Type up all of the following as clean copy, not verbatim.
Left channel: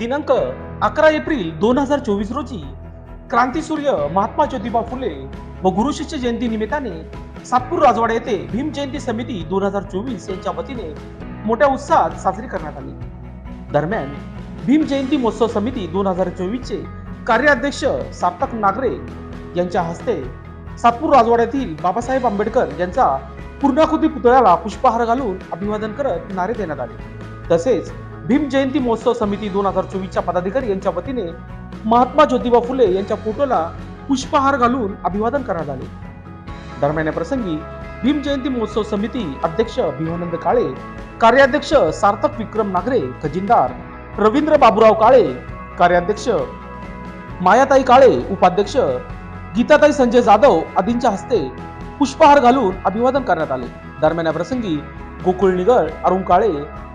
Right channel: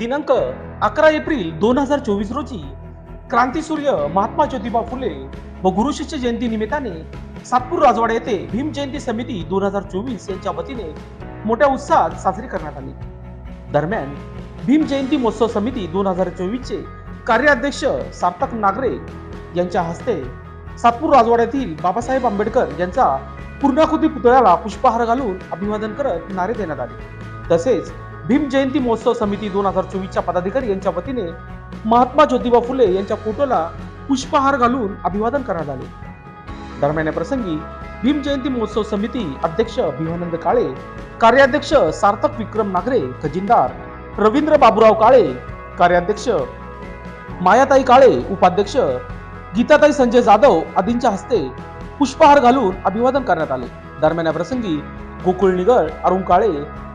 दिनांक 11 एप्रिल 2024 रोजी क्रांतीसूर्य महात्मा ज्योतिबा फुले व गुरुशिष्य जयंती निमित्ताने सातपूर राजवाडा येथे भीम जयंती समिती 2024 यांच्या वतीने मोठ्या उत्साहात साजरी करण्यात आली। दरम्यान भीम जयंती महोत्सव समिती 2024 चे कार्याध्यक्ष सार्थक नागरे यांच्या हस्ते सातपूर राजवाड्यातील बाबासाहेब आंबेडकर यांचा पूर्णाकृती पुतळ्याला पुष्पहार घालून अभिवादन करत नारे देण्यात आले। तसेच भीम जयंती महोत्सव समिती 2024 च्या पदाधिकारी यांच्या वतीने महात्मा ज्योतिबा फुले यांच्या फोटोला पुष्पहार घालून अभिवादन करण्यात आले। दरम्यान या प्रसंगी भीम जयंती महोत्सव समिती अध्यक्ष भीमानंद काळे, कार्याध्यक्ष सार्थक विक्रम नागरे, खजिनदार रवींद्र बाबूराव काळे, कार्याध्यक्ष मायाताई काळे, उपाध्यक्ष गीताताई संजय जाधव आदींच्या हस्ते पुष्पहार घालून अभिवादन करण्यात आले। दरम्यान या प्रसंगी गोकुळ निगळ, अरुण काळे,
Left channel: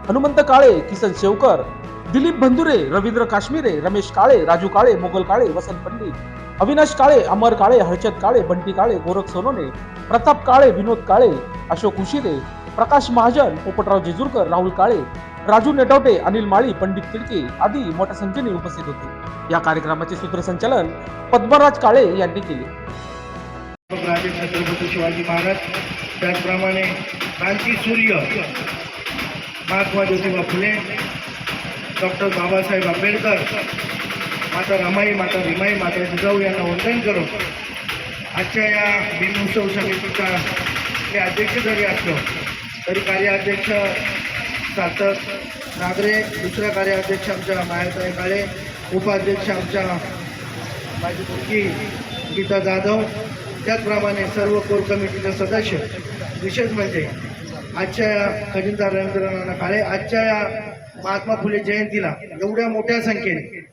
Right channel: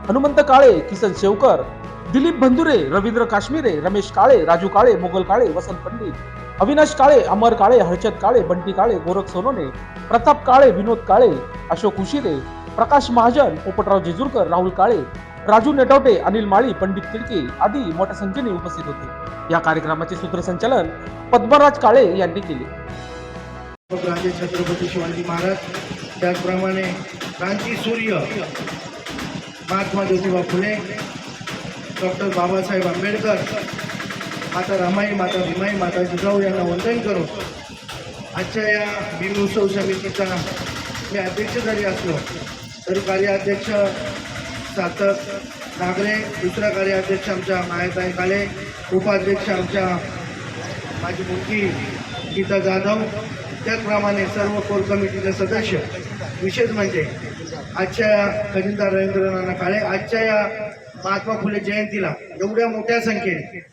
हनुमंत काळे, किसन शेवकर, दिलीप बंधुरे, रवींद्र काश्मीरे, रमेश काळे, राजू काळे, मोगल काळे, वसंत पंडित, अविनाश काळे, अमर काळे, हर्षद काळे, बंटी काळे, गोरख सोनोने, प्रताप काळे, विनोद काळे, अशोक उशिरे, प्रकाश महाजन, पोपटराव जेजूरकर, राहुल काळे, राजू नेटवटे, अनिल माळी, पंडित तिडके आदी मोठ्या संख्येने उपस्थित होते। या कार्यक्रमाचे सूत्रसंचालन पद्मराज काळे यांनी केले। राजे छत्रपती शिवाजी महाराज, त्याचप्रमाणे क्रांतीसूर्य महात्मा ज्योतिबा फुले, डॉक्टर बाबासाहेब आंबेडकर, माता रमाई, माता भीमाई, माता जिजाऊ यांना वंदन करून आजच्या या भीम उत्सव समितीचा मी अध्यक्ष जरी असलो तरी कार्याध्यक्ष सार्थक नागरे, दुसरा कार्याध्यक्ष आमच्या मायाताई काळे, उपाध्यक्ष आमच्या माझी मुलगी गीता जाधव, त्याचप्रमाणे सर्व कोर कमिटीचे सदस्य, विशेष म्हणजे आजच्या या खजिनदार रवींद्र नाना काळे, आजच्या या महात्मा फुले जयंतीला एवढ्या मोठ्या संख्येने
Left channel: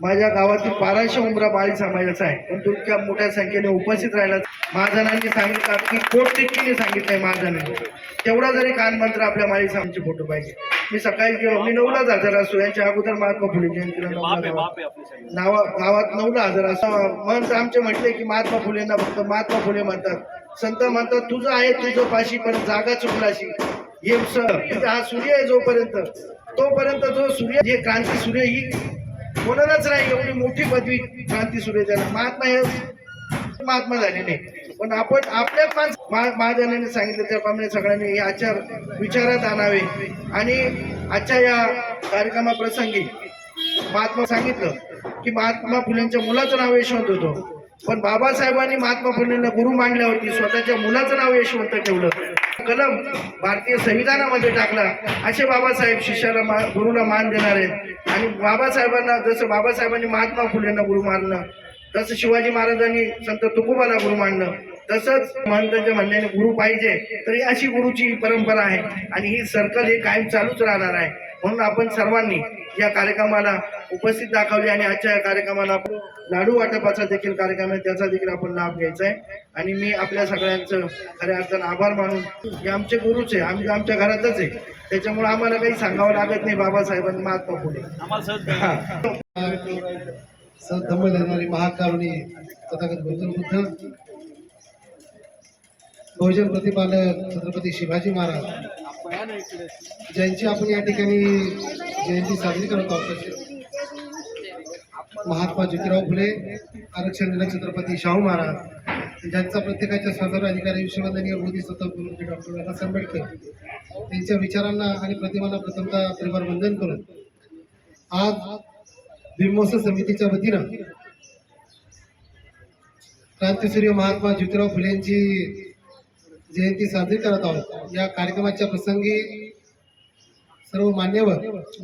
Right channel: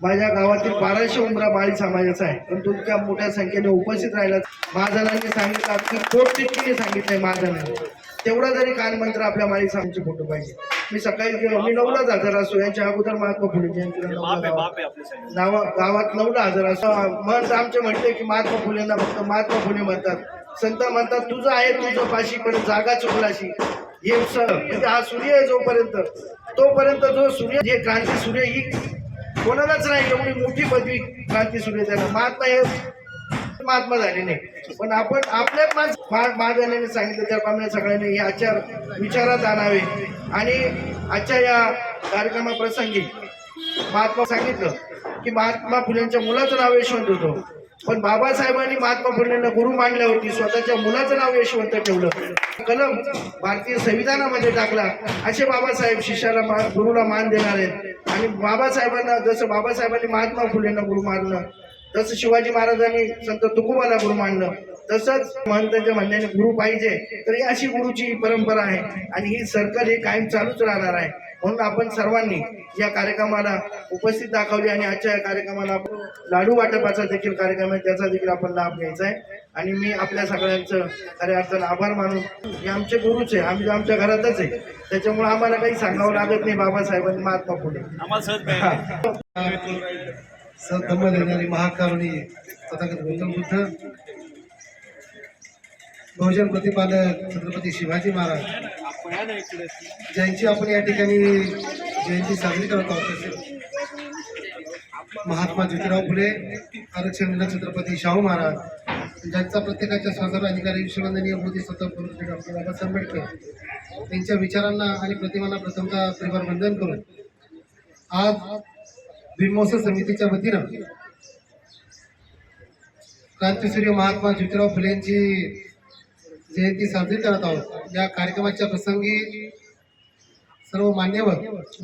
माझ्या गावातील 1200 उमरा बाळी समाजाचा आहे, पण इतक्या मोठ्या संख्येने उपस्थित राहिला। महाजनांनी सांगितलं की पोटतिडकीने सांगितलंय महाजनांनी, तेवढा जरी कानमंत्र आपल्या माळी समाजाचे फोटो पाहिजे। मी सकाळी गेलो, मी 9लाच हजर असतो, यांच्या अगोदर महात्मा फुले जयंतीला 9ला गावात 9ला हजर असतो। म्हणत आमचे म्हटले की महात्मा फुलेंना फक्त महात्मा फुले म्हणतात, संत म्हणतात तुझं आहे तुझं पाशी पण जागा चुकलाशी। हे म्हणजे हा सूर्य आहे जोपर्यंत, तोपर्यंत जो सूर्य, जे क्रांती सूर्य ही कोणालाच नाही एवढी मोठी पदवी क्रांती सूर्य त्याला। महात्मा हे महात्मा झाले नाही, पण आपण आपल्याच महाजनांनी सांगितलं त्याप्रमाणे सगळ्यांनी हे आचार विचारात आणावे। आणि आजच्या या कार्यक्रमाप्रसंगी महात्मा सांगितलं की महात्मा फुलेंच्या मुलाचं नाव यशवंत होतं, पण बाबासाहेबांनी महात्मा फुलेंना गुरु मानल्यावरती स्वतःच्या मुलाचं नाव यशवंत ठेवलं, कलम भारतीय संविधानामध्ये टाकला। असे बाबासाहेब शिष्याला गुरुला मान देणार आहेत। आणि बाबासाहेबांना जसं बाबासाहेबांनी महात्मा फुलेंना गुरु मानलं, तसं शिवाजी महाराजांनी संत तुकोबाला गुरु मानलं, तसंच महंतांच्या म्हणण्याने गुरु पाहिजे, तर ही अशी गुरुची परंपरा आहे आणि ही सर्कल हे कायम चालूच राहणार आहे। म्हणून आपण सर्वांनी या कार्यक्रमाला उपस्थित दाखवले आणि आजच्या या कार्यक्रमाला लाडू वाटपाचा देखील कार्यक्रम आहे, त्याचा देखील आपण लाभ घ्यायचा आहे। आणि मी आपल्या सगळ्यांचं खऱ्या अर्थानं आभार मानून, हे आमचे गुरुच आहे, आम्ही आमच्या घरातच आहे, त्याच्यामुळे आम्हाला काही सांगावं लागत नाही। बाबासाहेबांनी महात्मा फुले धम्म देणारी महाकारुणी तथागत गौतम बुद्ध, बहुजन प्रतिपादक छत्रपती शिवाजी महाराज ज्यांची आपण या ठिकाणी जयंती साजरी करत आहोत, महात्मा ज्योतिराव फुले, आरक्षण छत्रपती शाहू महाराज, ज्यांचा प्रत्येकाच्या स्वातंत्र्य अधिकारी विश्ववंदनीय बोधिसत्व डॉक्टर बाबासाहेब आंबेडकर यांच्या विचारांना आणि प्रतिमांना प्रथमतः त्रिवार वंदन करून आज भीम महोत्सव समितीच्या वतीनं क्रांतीसूर्य महात्मा ज्योतिराव फुले यांची जयंती साजरी करत आहोत। या कार्यक्रमाच्या प्रसंगी सर्व मान्यवर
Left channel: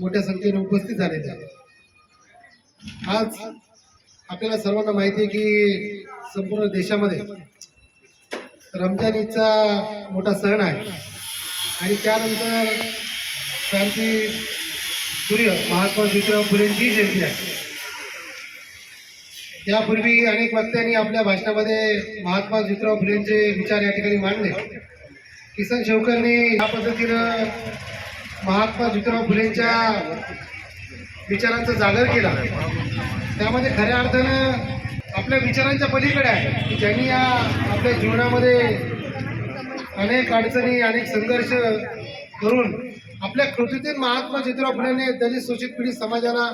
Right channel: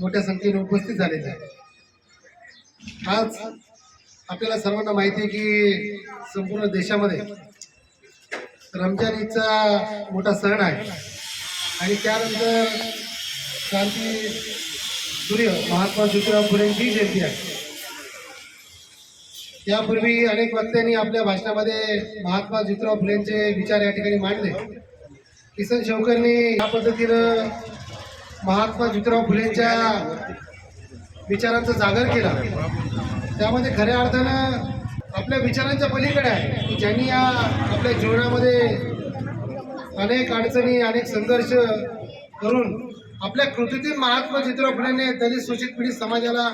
मोठ्या संख्येने उपस्थित झालेले आहेत। आज आपल्याला सर्वांना माहिती आहे की संपूर्ण देशामध्ये रमजान ईदचा मोठा सण आहे आणि त्यानंतर क्रांती सूर्य महात्मा ज्योतिराव फुलेंची जयंती आहे। यापूर्वी अनेक वक्त्यांनी आपल्या भाषणामध्ये महात्मा ज्योतिराव फुलेंचे विचार या ठिकाणी मांडले। किसन शेवकरने या पद्धतीनं महात्मा ज्योतिराव फुलेंच्या विचारांचा जागर केला, त्यामध्ये खऱ्या अर्थानं आपल्या विचारांच्या पलीकडे आहे की ज्यांनी या आपल्या जीवनामध्ये अनेक अडचणी, अनेक संघर्ष करून आपल्या कृतीतून महात्मा ज्योतिराव फुलेंनी दलित शोषित पीडित समाजाला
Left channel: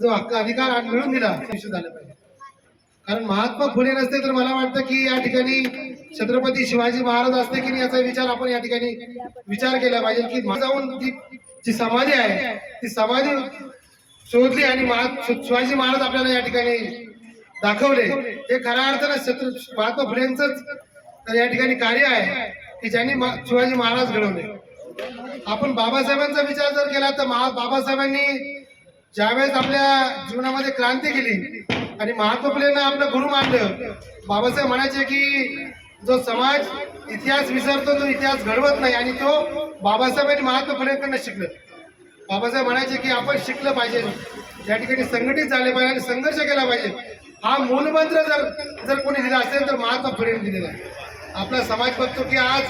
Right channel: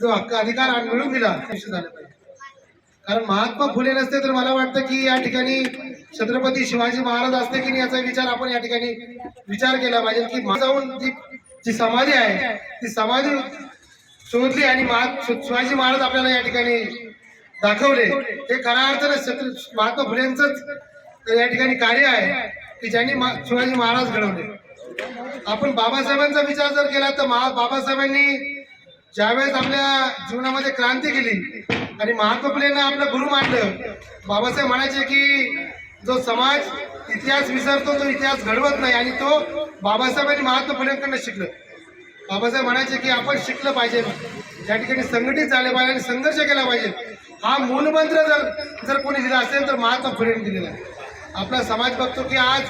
जो हक्क अधिकार मिळवून दिला ते निश्चित झालं पाहिजे. कारण महात्मा फुले नसते तर मला वाटतं की या ठिकाणी छत्रपती शिवाजी महाराज असते की नाही याचा विचार आपण या ठिकाणी विचार केला पाहिजे की जाऊन जी समाधी आहे ती समाधी शोधली आणि शिवाजी महाराज आपल्याला या ठिकाणी दाखवले. हे खऱ्या अर्थानं महात्मा फुलेंचंच या ठिकाणी कार्य आहे की ज्यांनी शिवाजी महाराज घडवले. आपण बाबासाहेबांचा विचार जर केला तर बाबासाहेबांनी ज्यावेळेस आपल्या जीवनामध्ये क्रांती केली आणि महात्मा फुलेंना आपलं गुरु मानलं. बाबासाहेब म्हणायचे की जो समाज इतिहास विसरतो तो इतिहास घडवत नाही आणि तो बाबासाहेबांनी महात्मा फुलेंकडनं शिकलं. बाबासाहेब म्हणायचे की आपण शिकलं पाहिजे, या ठिकाणी संघटित झाले पाहिजे आणि संघर्ष केला पाहिजे. हा मूलमंत्र जर कोणी दिला असेल तर महात्मा फुलेंनी दिलेला आहे. आपला समाज बघतो की आज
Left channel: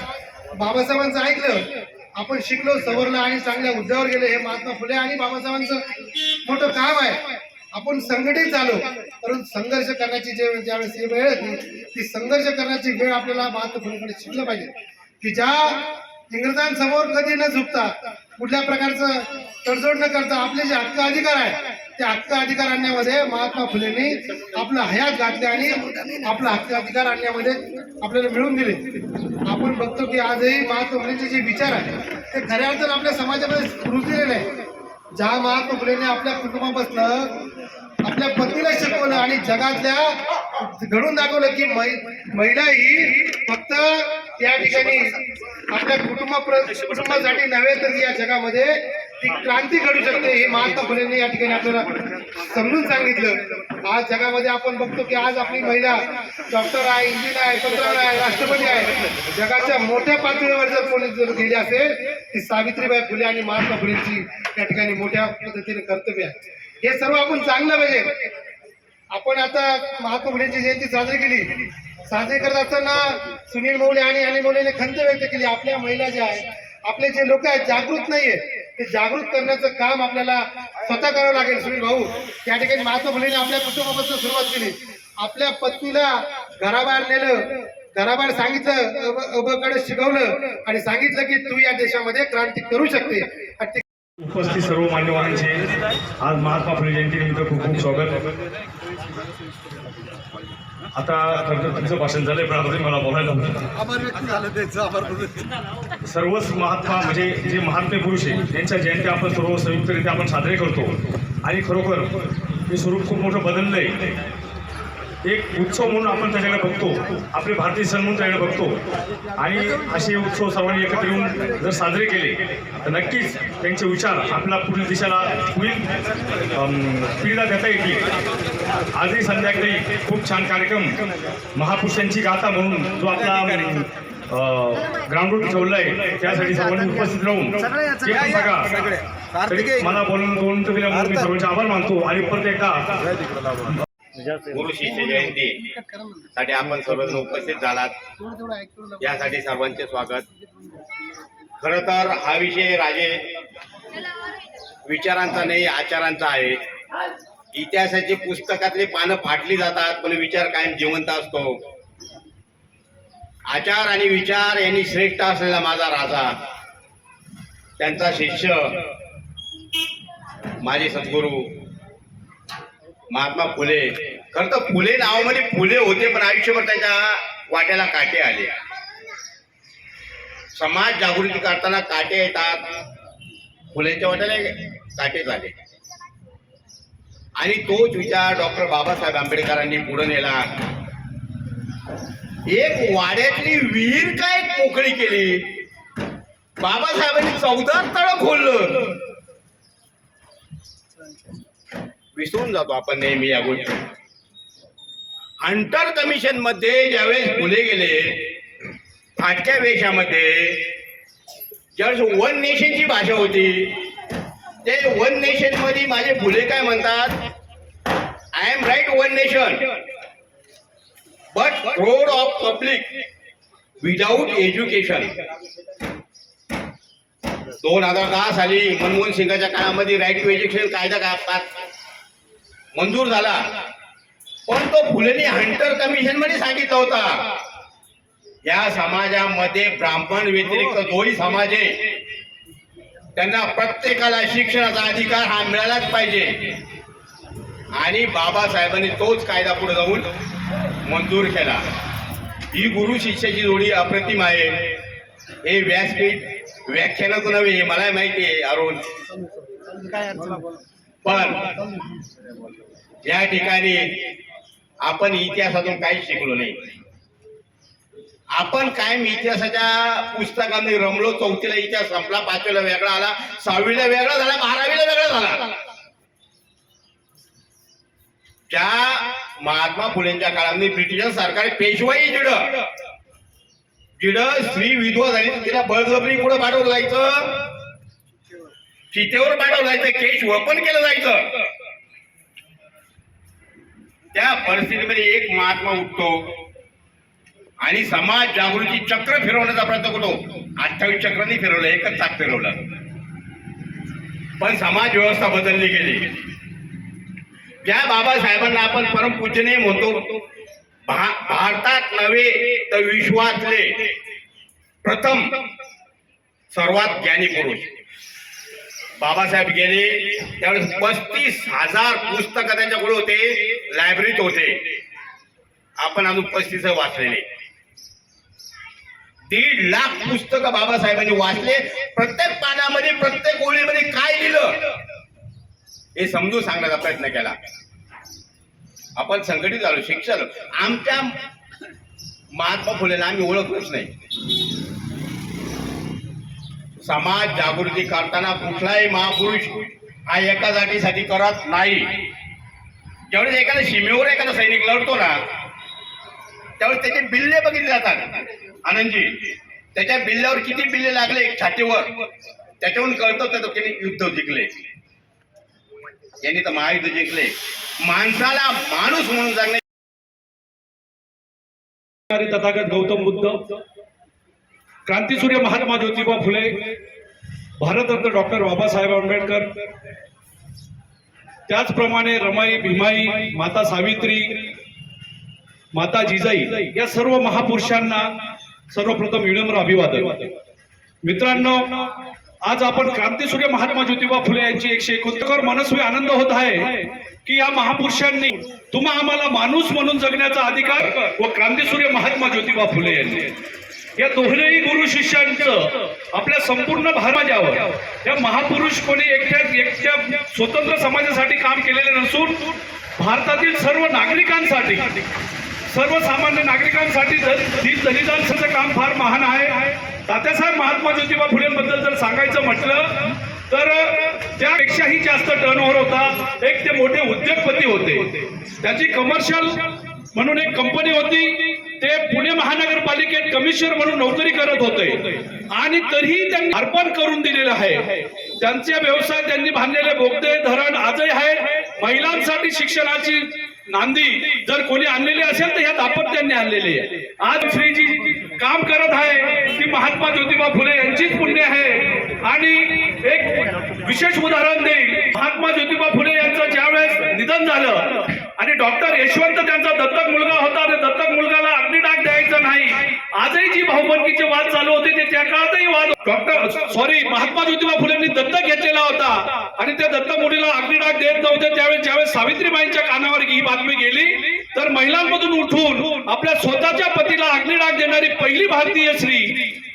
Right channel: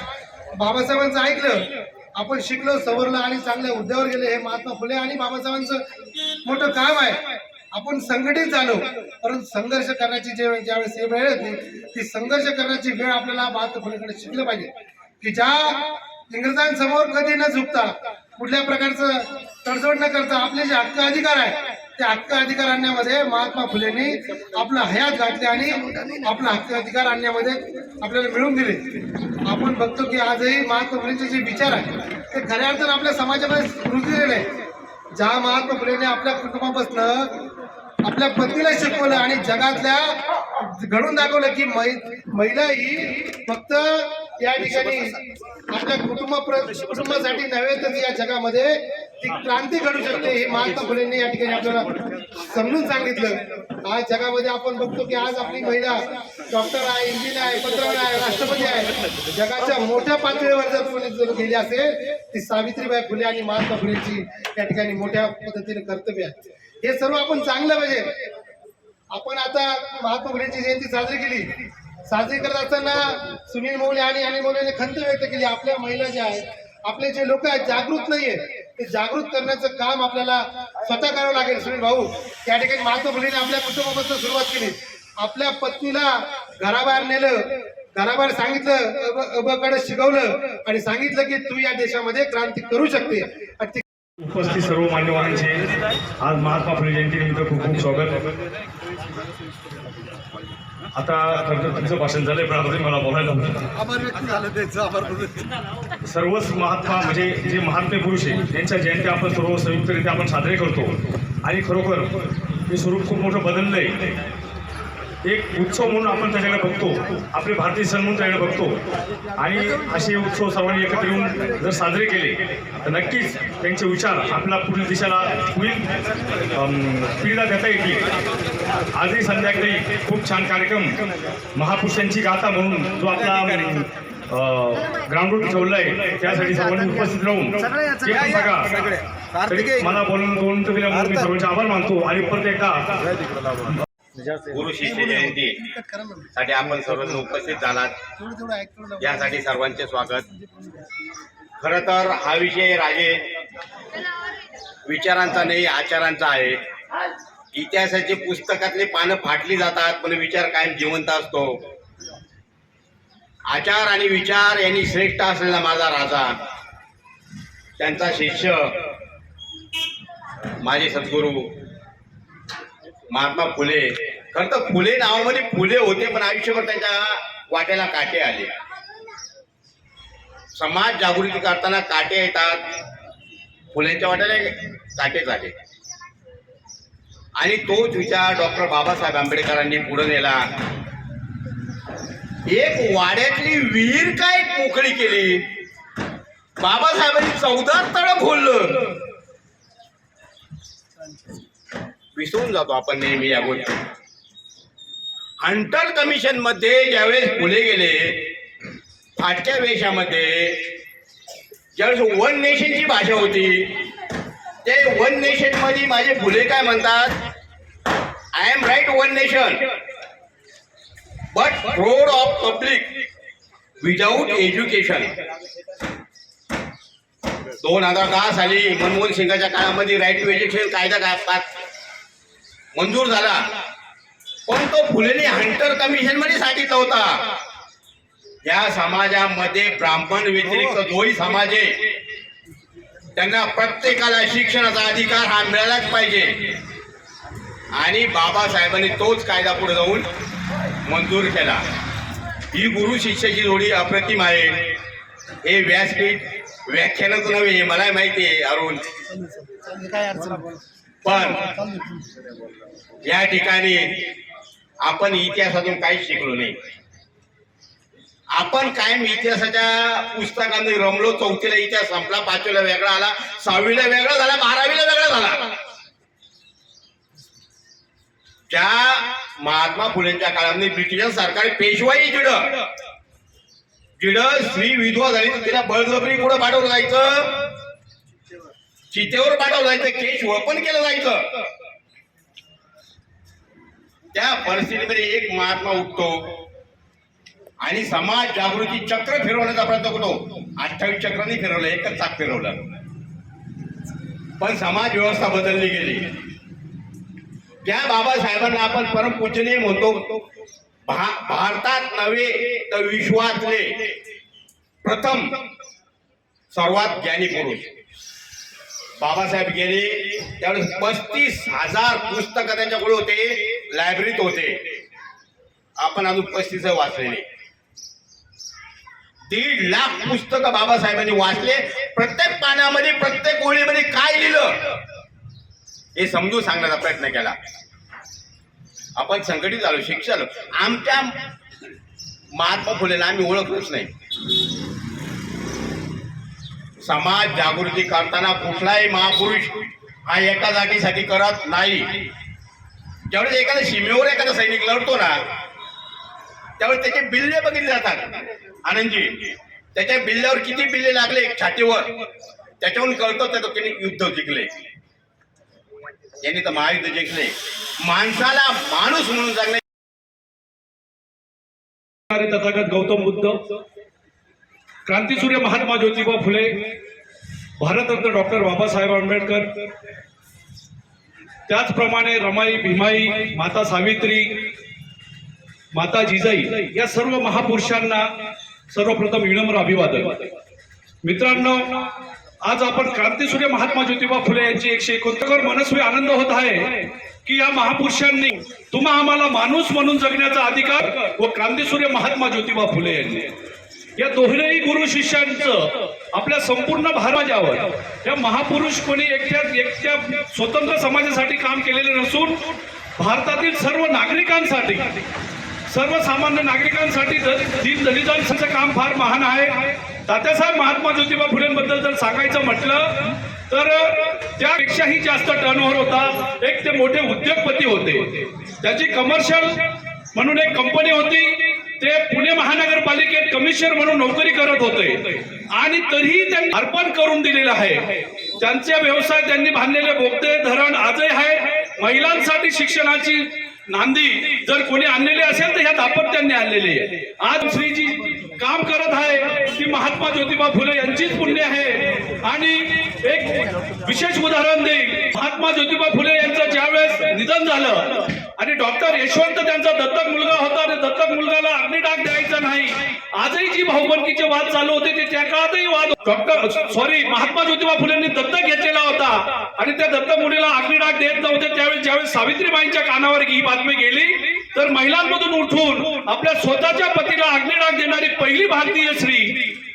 बाबासाहेबांचं ऐकलं, आपण शिकलो, सवरलं आणि चांगल्या हुद्द्यावर गेले. हे महात्मा फुले आणि बाबासाहेबांचं मोठं काम आहे. आपण संघटित झालो, परंतु संघर्ष करण्याची ज्यावेळेस ही वेळ येते ती संघर्ष करण्याची वेळ आपल्याला महात्मा फुलेकडे शिकलं पाहिजे की ज्या इंग्रजांसमोर कधी न झुकता, कुठल्या प्रकारचं तडजोड न करता आपले जे हक्क अधिकार आहे त्या हक्क अधिकार आणण्यामध्ये महात्मा फुलेंनी आपलं हयात घातले आणि आपला हक्क अधिकार आणण्यामध्ये आपल्याला मिळवून दिले. आपण बघतो की आजही महात्मा फुलेंचे जे विचार आहे ते खऱ्या अर्थानं आपल्या समाजामध्ये रुजलेले आहे. ज्या महात्मा फुलेंनी आपल्या कुटुंबापासून आपल्या पत्नीला शिकवलं आणि जगातल्या घडून दाखवलं की महिला ही फक्त या ठिकाणी आपल्या कुटुंबासाठी नव्हे तर या जगामध्ये ती क्रांती घडू शकते हे महात्मा फुलेंनी या ठिकाणी आपल्याला समजून सांगितलं. आज जगामध्ये आपण बघतो की आज आपली महिला डॉक्टर आहे, इंजिनियर आहे, पत्रकार आहे, राष्ट्रपती आहे. जगाच्या मोठ्या पातळीवर जर कोणी जर गेली असेल ती सावित्रीबाई फुले आणि महात्मा फुलेंची या ठिकाणी मोठ्या पद्धतीने कर्तव्य आहे. हे सर्व आपण चांगलं पाहिजे. आपण आता महात्मा फुलेंची जयंती साजरी करत असताना सुनील मौले आणि अनिल मौलेने खंत व्यक्त केली. आपल्या महिला ज्या आहेत, आपले जे लोक आहेत जागृत नाहीये, ते जागृत करण्याचं काम आपल्याला स्वतः करावं लागेल. सुनील भाऊ, त्या ठिकाणी महात्मा फुलेंनी आपल्या कुटुंबापासून सुरुवात केली. आपल्या पत्नीला घराबाहेर नेलं, घराबाहेर सांगितलं, अबकडे शिकवलं आणि सांगितलं की तू या देशामध्ये क्रांती करू शकते. उपस्थित सर्व मान्यवरांचे आज महात्मा फुले जयंतीनिमित्त खूप खूप स्वागत. आता तुमचं भाषण झालंय पण आता मला बोलायला सर्वच महात्मा म्हणजे जे महात्मे पुरुष आहे त्यांच्या जयंती आपण सर्व संयुक्तरित्या आपण साजरे करतो आणि खरोखर हे स्वरूप खूप मोठं बदललंय. एक उत्सव म्हणून आपण त्याच्याकडे बघतो, आपले भारतीय सण म्हणून त्याकडे बघतो आणि असे उत्सव सर्वांनी एकत्र येऊन जर साजरे केले तर नक्कीच त्यांचे विचार आपल्या पुढील दिशेला पुढील पिढीला देता येतील. आजही संध्याकाळी खूप छान कार्यक्रम महापुरुषांची गाथा म्हणून जो आपला ग्राउंडवर ठेवला आहे त्यासाठी सर्वांनी उपस्थित राहून बघा मला बोलून मी सर्वांचे आभार मानतो आणि परत एकदा गुरु शिष्य जयंती साठी आपण सर्वजण उपस्थित झालात यासाठी सर्वांचे स्वागत. खरं तर हा विषय राजे विचारांचा नाही आचारांचा आहे. इतिहासाची पुस्तकातली पानं फाटली जातात पण विचार कायम जिवंत असतो. आचार आणि विचार यांनी श्रेष्ठ असलेला माझा राजा, त्यांचा शिष्य माझे सद्गुरू महात्मा फुले. खरं तर फुले नावामध्ये फुले होते पण आयुष्यभर त्यांच्या वाट्याला काटे आले. समाज जागृती करताना काटे येतात, फुलेंच्या वाट्याला काटे झाले आणि तोच विचार डॉक्टर बाबासाहेब आंबेडकरांनी पुढे नेला. एक वाड्यातली विहीर काय मोकळी केली, बाबासाहेबांनी 14 तळं खोललं. विसरून जातो आपण नेहमी या गोष्टी. हंटर कमिशन मध्ये ज्यावेळेस फुले गेले फाटक्या वेशामध्ये, ज्यावेळेस वन नेशनची भाषा होती, ते वन नेशन मध्ये माझे फुले काय म्हणतात, I am right one nation but fraud of public without education. 2010 साली मनमोहन सिंगाच्या काळामध्ये राईट टू एज्युकेशन कायदा मंजूर झाला पण तो फुलेंनी हंटर कमिशन मध्ये सांगितलं होता या समाजामध्ये ब्राह्मण व्यतिरिक्त जोही समाज आहे त्यांना प्रत्येकाला शिक्षणाचा अधिकार हा मिळालाच पाहिजे आणि बाबासाहेबांनी तोच कायदा पुढे जाऊन मंजूर केला. ही गुरु शिष्याची जोडी अप्रतिम आहे. हे व्यासपीठ व्याख्यानच नव्हे हे मला माहिती आहे अरुण, पण या ठिकाणी आपण इतिहासातून काहीच शिकलो नाही. आपण कायम इतिहासाच्या पुस्तकांमध्ये रमलो. चौथीला इतिहास संपला, पाचवीला वेगळा आला, सहावीला वेगळा झाला, 12वीला वेगळा झाला. ज्या महात्मा फुलेंच्या काळामध्ये ब्रिटिश सरकार पेशवाई जिडं स्त्री विधवा झाली तर तिला बळजबरी पुढे पाठवलं जायचं, चितेवर पाठवलं जायचं, केश वळपण केलं जायचं. त्या परिस्थितीमध्ये एक महात्मा उठतो आणि समाज जागृती चक्र फिरवण्याचा प्रयत्न करतो. 28 चक्रांनी फिरवलं, एकच चाक फिरवलं, पण समाज व्यवस्था बदलली गेली. ज्या बाबासाहेबांना आपण परमपूजनीय म्हणतो, भारतात नव्हे तर विश्वातले प्रथम सर्वात ज्ञानी पुरुष बाबासाहेब गेले. त्यावेळेस 35,000 पुस्तकं त्यांच्याकडे होते, लायब्ररीत होते. आपण अजून 35 वाचलेले. 1.5 लाख पुस्तकं बाबासाहेबांनी वाचले. प्रत्येक पानामध्ये प्रत्येक ओळीमध्ये काय लिहिलं हे समजून सांगण्याचा प्रयत्न केला. आपण संघटित झालो, शिक्षण झालो. आमच्या महात्मा फुलेला आम्ही ओळखलंच नाही. समाज जागृती करताना कुठलाही महापुरुष हा एका जातीसाठी करत नाही. ज्यावेळेस एखाद्या सीमेवर एखादा सैनिक लढतो ना, त्यावेळेस त्याचे बिल्ले बघितले जातात. आनंदजी, त्याच्या बिल्ल्यावर किती बिल्ले लागले छातीवर, त्याच्यावरून कळतं त्याचं त्यांनी युद्ध जिंकले. यांनी तर महायुद्ध जिंकले. माणसाला माणूस म्हणून जगणे. तथागत गौतम बुद्ध, क्रांतीसूर्य महात्मा ज्योतिबा फुले, भारतरत्न डॉक्टर बाबासाहेब आंबेडकर, त्याचप्रमाणे रमाई, भीमाई, माता सावित्री, माता जिजाई या सर्व महापुरुषांना सर्वप्रथम विनम्र अभिवादन. मित्रांनो, आज आपण क्रांतीसूर्य महात्मा ज्योतिबा फुले यांची 169 मनस्वी आनंद होत आहे की या महापुरुषांनी तुम्हा आम्हाला माणूस म्हणून जगण्याचा अधिकार व क्रांतीसूर्य महात्मा ज्योतिबा फुले यांनी या दोन्ही गुरु शिष्यांचं आपल्या संपूर्ण भारतावर या महापुरुष कोणी एकट्या स्वतंत्र समाजासाठी काम केलेले नसून भारतातील सर्व नागरिकांसाठी, सर्वसामान्य नागरिकांसाठी दलितांचं काम फार महान आहे. तात्यासाहेब महात्मा ज्योतिबा फुलेंबद्दल जर सांगायचं म्हटलं तर त्यापेक्षाही जास्त टर्नओव्हर होता. एक ते मोठे उद्योगपती होते. त्याची कमर्शियल म्हणून एक कंपनी होती. ते पुणे महानगरपालिकेत कमिशनर म्हणून नोकरी करत होते आणि तरीही त्यांनी अर्पण करून दिलेलं आहे. त्यांचे व्यवसाय, त्यांनी बांधलेले बोगदे, धरण आजही आहेत. महिलांसाठी शिक्षणाची नांदी जर कोणी आणलेली असेल तर ह्या दाम्पत्यांनी आणलेली आहे. आज श्रीजी काम करत आहे ती महात्मा ज्योतिबा फुले यांचीच पुण्य आहे. आणि एक विशेष उदाहरण देईल. महात्मा ज्योतिबा फुले यांचं ज्यावेळेस निधन झालं आणि डॉक्टर यशवंत त्यांचा दत्तक मुलगा होता आणि दत्तक मुलगाला अग्निडाग द्यायचा नाही, आजही जी भाऊबंदकीचे वाद चालू होते ते त्या काळातही वाद महात्मा ज्योतिबा फुलेंनी दत्तक घेतलेला होता आणि त्या दत्तक मुलीला अग्निडाग देत नव्हते. त्यावेळेस ज्यावेळेस सावित्रीबाईंच्या कानावर ही बातमी गेली तर महिलांमधून उठून आपल्या स्वतःच्या पतीला अग्निडाग देणारी पहिली भारतीय स्त्री,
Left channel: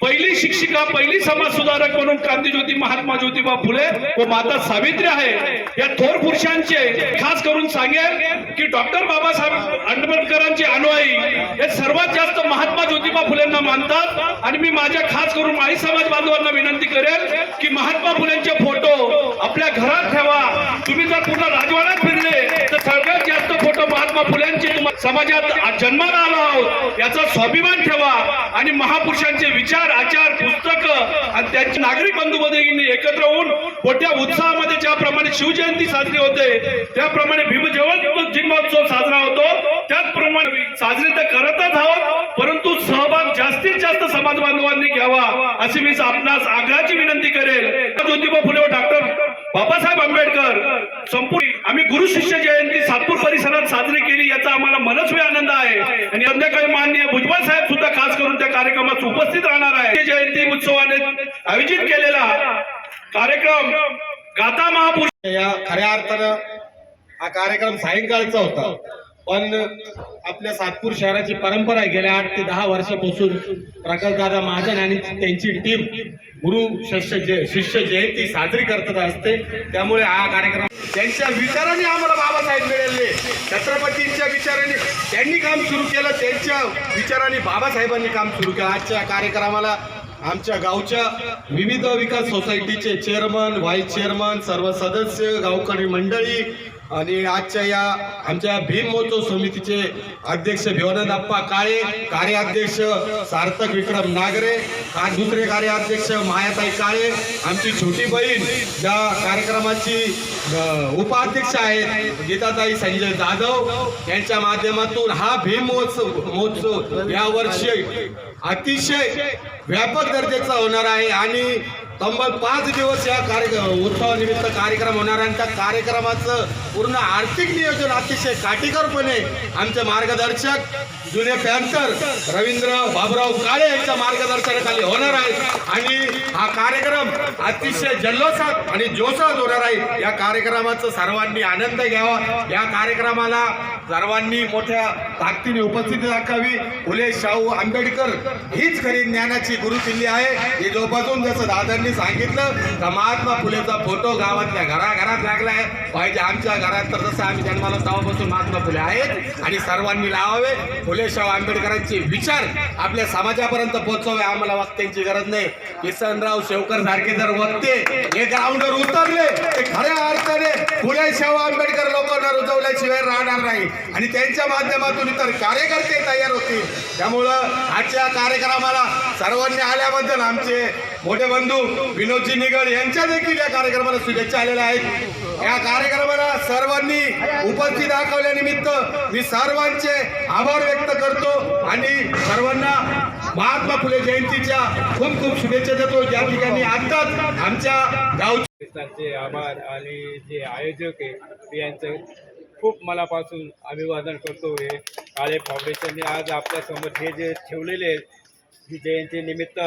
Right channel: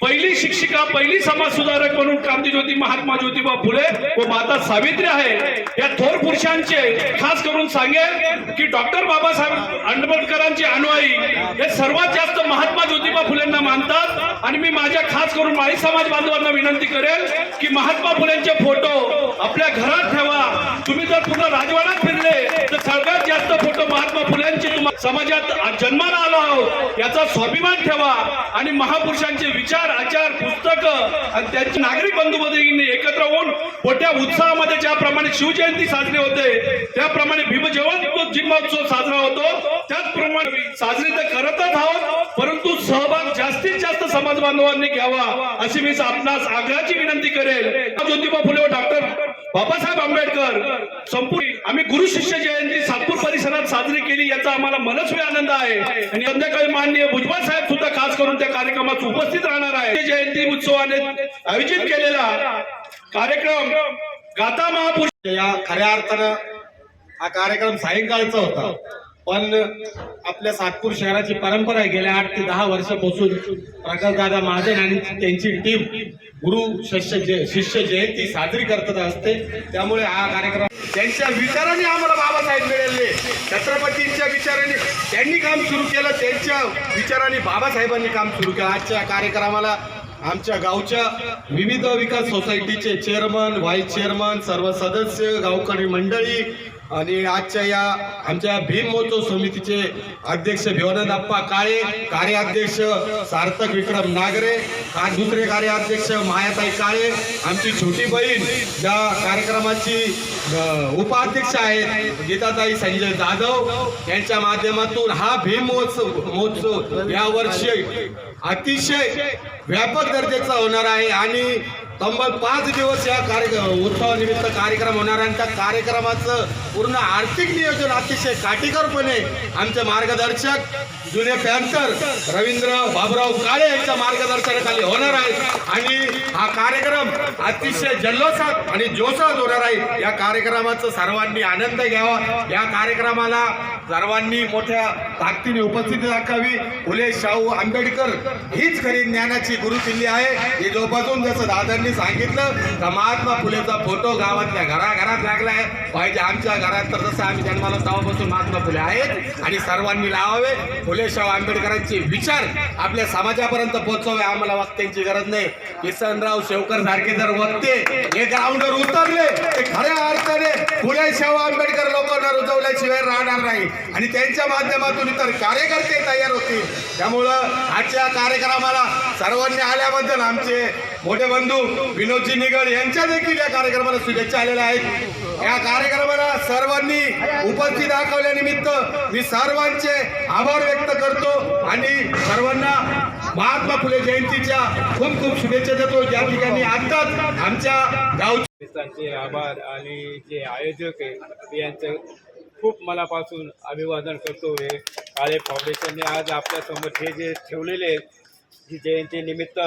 पहिली शिक्षिका, पहिली समाज सुधारक म्हणून क्रांतीज्योती महात्मा ज्योतिबा फुले व माता सावित्री आहे. या थोर पुरुषांचे खास करून सांगेल की डॉक्टर बाबासाहेब आंबेडकरांची अनुयायी हे सर्वात जास्त महात्मा ज्योतिबा फुलेंना मानतात. आणि मी माझ्या खास करून माळी समाज बांधवांना विनंती करेल की महात्मा फुलेंचे फोटो आपल्या घरात ठेवा. तुम्ही जर पूर्ण राजवाड्यात फिरले तर सगळ्यात जास्त फोटो महात्मा फुलेंची समाजात जन्माला आलो आहोत याचा स्वाभिमान ठेवा. आणि महापुरुषांचे विचार, आचार, पुस्तकं आणि त्यांचे नागरिक बंधू भगिनी एकत्र होऊन मोठ्या उत्साहामध्ये ज्याप्रमाणे शिवजयंती साजरी होते, त्याप्रमाणे भीमजयंती साजरा होतो, त्याचप्रमाणे साजरी तर करतच आहोत, परंतु सहभाग जास्तीत जास्त समाज बांधवांनी घ्यावा अशी मी आपणास आग्रहाची विनंती करेल. ज्योतिबा फुले व डॉक्टर बाबासाहेब आंबेडकर संपूर्ण आम्ही गुरु शिष्य जयंती सातपूर परिसरात साजरी केली याचा आम्हाला मनस्वी आनंद आहे. आणि संध्याकाळी माननीय भुजबळ साहेब सुद्धा खास करून त्या कार्यक्रमात उपस्थित राहणार आहे. जयंती उत्सवाने आयोजित केलेला कार्यक्रम गाथा महापुरुष या खऱ्या अर्थानं हा कार्यक्रम सायंकाळचा होता, पण आपल्या सातपूर शहराची परंपरा आहे गेल्या 8 ते 10 वर्षापासून प्रकाशदादा महाजन आणि त्यांची टीम गुरु शिष्य जयंती साजरी करत असते. त्यामुळे हा कार्यक्रम त्यांच्या विचारांनी आम्हाला बाबासाहेब मिळाले, छत्रपतींच्या विचारांनी त्यांनी काम सुरू केलं, त्यांच्या विचारांनी बाबासाहेबांनी काम सुरू केलं. आजच्या कार्यक्रमाला आमच्या गावच्या विविध विकास सोसायटीचे चेअरमन, व्हाईस चेअरमन, सर्व सदस्य, गावकरी मंडळी आणि आजच्या या आमच्या भीम महोत्सव समितीचे अध्यक्ष भिवानंदप्पा काळे, कार्याध्यक्ष सार्थक विक्रम नागरे, दुसरे कार्याध्यक्ष मायाताई काळे, आमची छोटी बहीण ज्या कार्यक्रमाची उपाध्यक्ष आहेत गीताताई संजय जाधव, यांच्या माध्यमातून हा भीम महोत्सव यावर्षी अतिशय व्यापक दर्जाचा होणार आहे आणि तब्बल 5 दिवस या उत्सवानिमित्त कार्यक्रम होणार आणि त्या कार्यक्रमाचं पूर्ण आर्थिक नियोजन अतिशय काटेकोरपणे आमचे मार्गदर्शक जुने पॅन्थर रवींद्र बाबुराव काळे यांच्या मार्गदर्शनाखाली होणार आहे आणि हा कार्यक्रम अतिशय जल्लोषात आणि जोशात होणार आहे. या कार्यक्रमाचा सर्वांनी आनंद घ्यावा. या कार्यक्रमाला सर्वांनी मोठ्या ताकदीने उपस्थिती दाखवावी. फुले शाहू आंबेडकर हीच खरी ज्ञानाची गुरुकिल्ली आहे. ही जोपासून जसं दादांनी सांगितलं का महात्मा फुलेचा फोटो गावातल्या घराघरात लागलाय पाहिजे. आमच्या घरात तर जसं आम्ही जन्माला तेव्हापासून महात्मा फुले आहेत आणि सर्वांनी लावावे. फुले शाहू आंबेडकरांचे विचार आपल्या समाजापर्यंत पोहोचवावे. आम्हाला वक्त्यांची गरज नाही. किसनराव शेवकर सारखे जर वक्ते हे ग्राउंडवर उतरले ते खऱ्या अर्थाने फुले शाहू आंबेडकर लोकांना रुजवल्याशिवाय राहणार नाही आणि त्यांच्या माध्यमातून इतर कार्यकर्ते तयार होतील. त्यामुळं आजच्या कार्यक्रमाला सर्वांनी आल्याबद्दल आमचे मोठे बंधू विनोदजी निगड यांच्या देखील या कार्यक्रमाला शुभेच्छा आलेल्या आहेत. या कार्यक्रमाला सर्वांनी उपस्थित दाखवल्यानिमित्त मी सर्वांचे आभार व्यक्त करतो आणि सर्वांना महात्मा फुले जयंतीच्या खूप खूप शुभेच्छा देतो. ज्या ठिकाणी आताच आमच्या गावचे आभार आणि जे आयोजक आहे यांचं खूप मनापासून अभिवादन करतो. हे काळे फाउंडेशनने आज आपल्यासमोर हे जे ठेवलेले आहेत ही जयंतीनिमित्त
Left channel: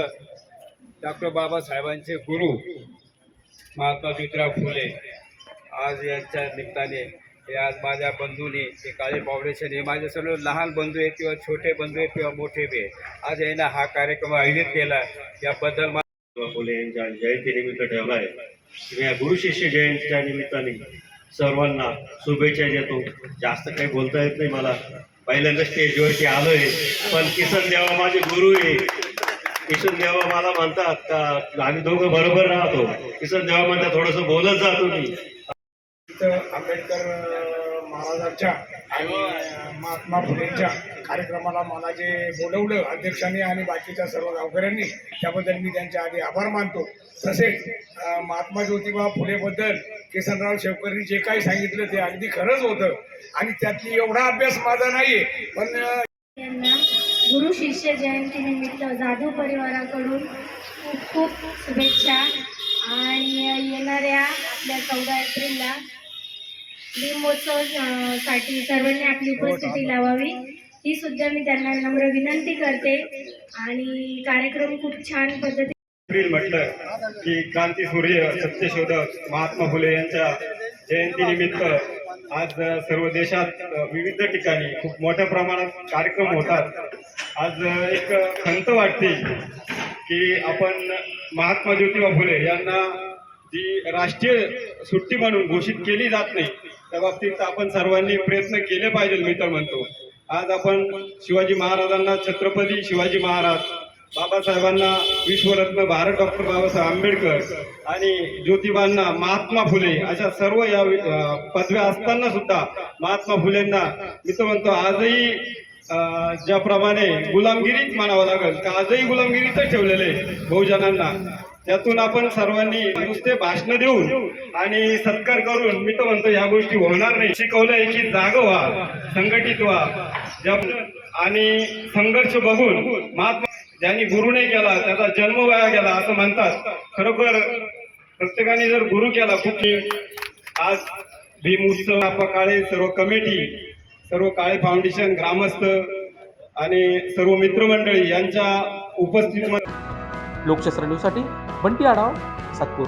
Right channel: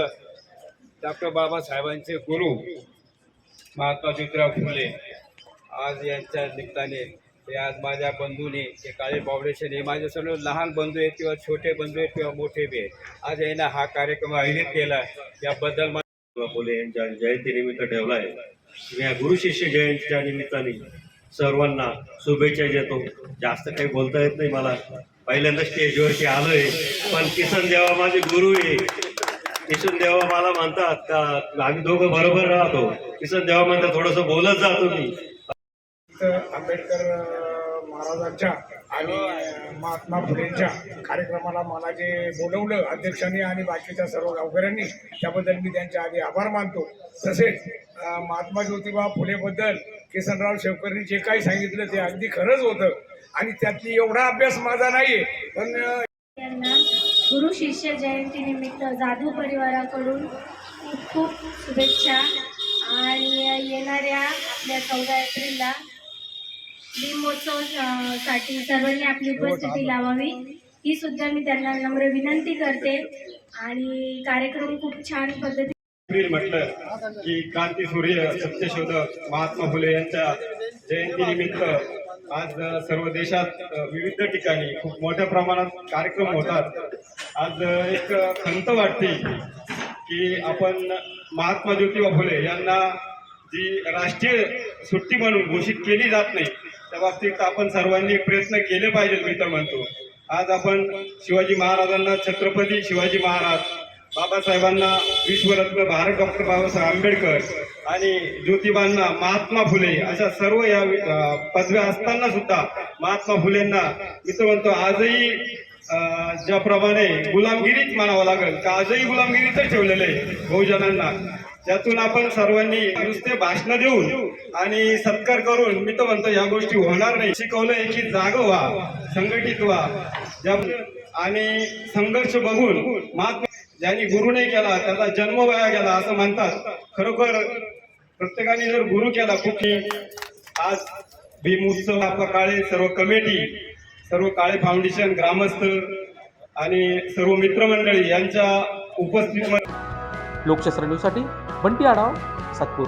डॉक्टर बाबासाहेबांचे गुरु महात्मा ज्योतिराव फुले आज यांच्या निमित्ताने हे आज माझ्या बंधूंनी हे काळे फाउंडेशन हे माझे सर्व लहान बंधू आहेत किंवा छोटे बंधू आहेत किंवा मोठे बी आहेत. आज यांना हा कार्यक्रम आयोजित केला याबद्दल फुले यांच्या जयंतीनिमित्त ठेवला आहे. या गुरु शिष्य जयंतीच्या निमित्ताने सर्वांना शुभेच्छा देतो. जास्त काही बोलता येत नाही मला, पहिल्यांदा स्टेजवरती आलो आहे, पण किसन देवा माझे गुरु आहे. किसन देवा मला म्हणतात का आम्ही दोघं बरोबर राहतो. किसन देवा म्हणतात थोडंसं बोलत जातो मी. आंबेडकर महाराजांच्या आणि महात्मा फुलेंच्या कार्यक्रमाला मला जे बोलवलं अध्यक्षांनी आणि बाकीच्या सर्व गावकऱ्यांनी त्याबद्दल मी त्यांच्या आधी आभार मानतो. तसेच महात्मा ज्योतिबा फुलेबद्दल किसनराव शेवकरनी जे काही सांगितलं ते अगदी खरंच होतं आणि त्यातली एवढा अभ्यास माझा नाही आहे, पण यांना गुरु शिष्य जयंतीनिमित्त जाधव परिवाराकडून खूप खूप शुभेच्छा आणि येणाऱ्या आपल्या 14 एप्रिलला भीम महोत्सवासाठी सर्वांनी आपली उपस्थिती लावावी ही सुद्धा मी त्यांना नम्र विनंती करते आणि कार्यक्रम खूप छान पद्धतीने म्हटलं की क्रांतीसूर्य सत्यशोधक महात्मा फुले यांच्या जयंतीनिमित्त आज सर्व देशात विविध ठिकाणी खूप मोठ्या प्रमाणात कार्यक्रम होतात. आज एक खंत वाटते की आपण महात्मा ज्योतिबा फुले यांना जी राष्ट्रीय सुट्टी म्हणून घोषित केली जात नाही त्या बाबतीत आपण सर्वांनी प्रयत्न केले पाहिजे. मी तर म्हणतो आज आपण शिवाजी महाराजांना छत्रपती शिवाजी महाराज, बाबासाहेबांना विश्वरत्न भारत डॉक्टर बाबासाहेब आंबेडकर आणि ज्योतिबांना महात्मा फुले अशा सर्व या पदव्या असताना सुद्धा महात्मा फुलेंना मी तर म्हणतो आजही ज्याप्रमाणे गुलामगिरीच म्हणावं लागेल का आजही गुलामगिरीतच ठेवलेलं आहे बहुजनांना. त्यातून आपण सर्वांनी नुसते भाषण देऊन आणि सत्कार करून मी तर म्हणतो या गोष्टी होणार नाही. शिकवलंय की जागं व्हा, संघटित व्हा आणि संघर्ष बघून महात्मा ज्यांनी गुरु नाही केला त्याचा जन्म वाया गेला असं म्हणतात. खरोखर प्रत्येकाने जर गुरु केला खूप. आज भीम उत्सव आपा काळे सर्व कमिटी, सर्व काळे फाउंडेशन, ग्रामस्थ आणि सर्व मित्रमंडळी यांच्या उपस्थितीमध्ये लोकशास्त्र न्यूजसाठी बंटी आढाव, सातपूर.